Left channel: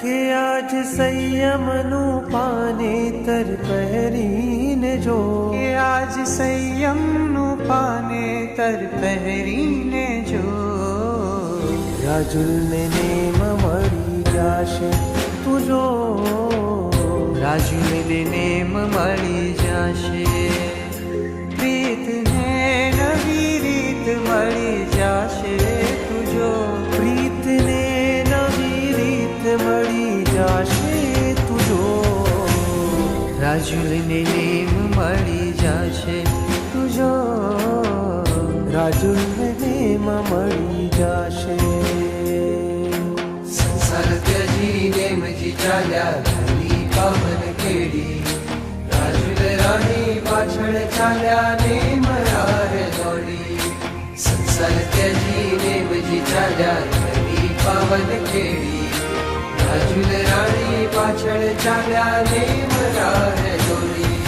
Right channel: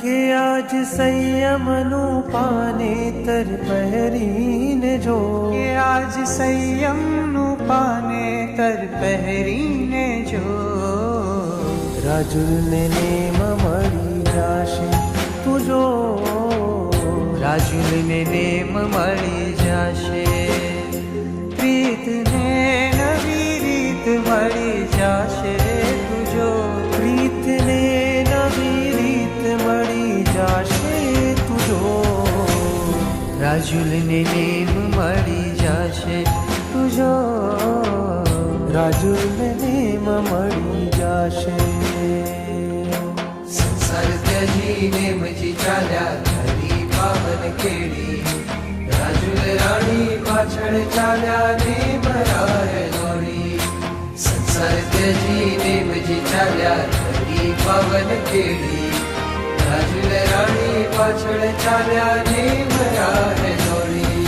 કે આજ સંયમનું પાનેતર પહેરીને જો, કે આજ સંયમનું પાનેતર પહેરીને જો, રાજુલને નેમ મળી જાશે તું જો, રાજુલને નેમ મળી જાશે, પ્રીતને નવી રીત મળી જાશે તું જો, પ્રીતને નવી રીત મળી જાશે તું જો, રાજુલને નેમ મળી જાશે તું જો, રાજુલને નેમ મળી જાશે. સંસાર ત્યજી નેમજી ચાલ્યા ઘણી પાવન કેડી, રાજુલ રાણી પાછળ ચાલ્યા નેમ રાહ દોડી, સંસાર ત્યજી નેમજી ચાલ્યા ઘણી પાવન કેડી, રાજુલ રાણી પાછળ ચાલ્યા નેમ રાહ દોડી.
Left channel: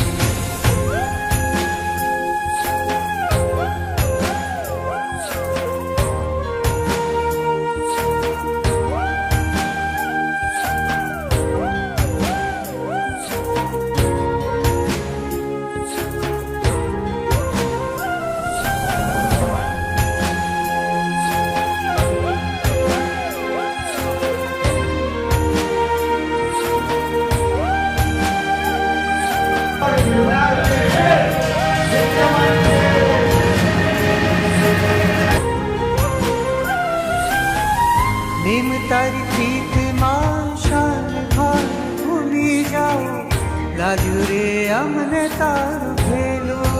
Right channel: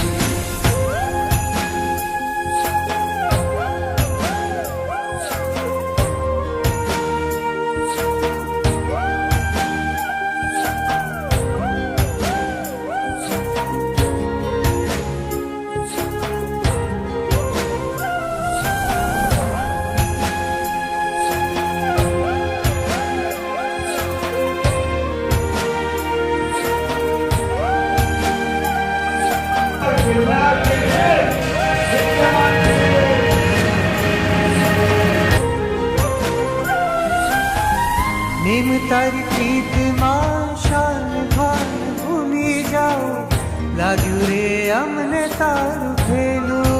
નેમ તારી પ્રીતમાં શાન ભાન ભૂલી જાઓ, લાગ્યું રે અમને તારું ભેલું,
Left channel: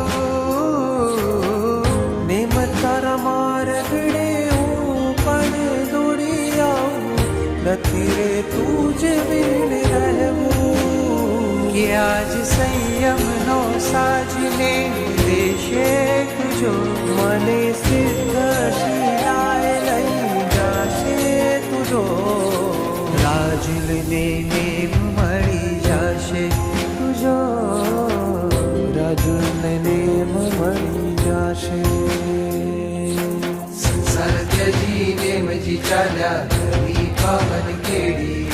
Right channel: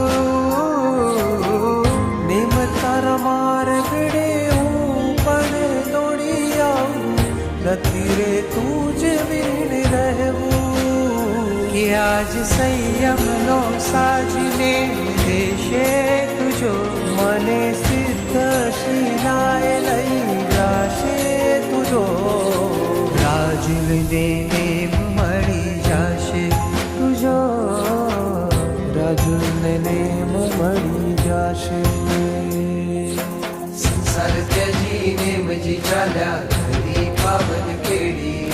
નેમ તારા માર્ગડે હું પણ દોડી આવું, નથી રે તું જ વીણ રહેવું, કે આજ સંયમનો સાજ નેમ દેશે તુજો, મને સિદ્ધ શિલાએ લઈ જાશે તુજો, રાજુલને નેમ મળી જાશે તુજો, રાજુલને નેમ મળી જાશે. સંસાર ત્યજી નેમજી ચાલ્યા ઘણી પાવન કેડી,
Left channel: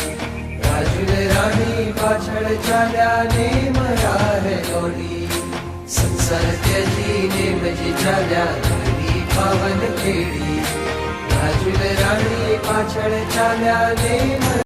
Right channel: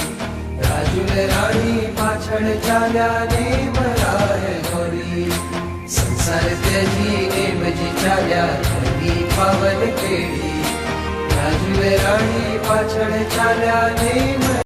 રાજુલ રાણી પાછળ ચાલ્યા નેમ રાહ દોડી, સંસાર ત્યજી નેમજી ચાલ્યા ઘણી પાવન કેડી, રાજુલ રાણી પાછળ ચાલ્યા નેમ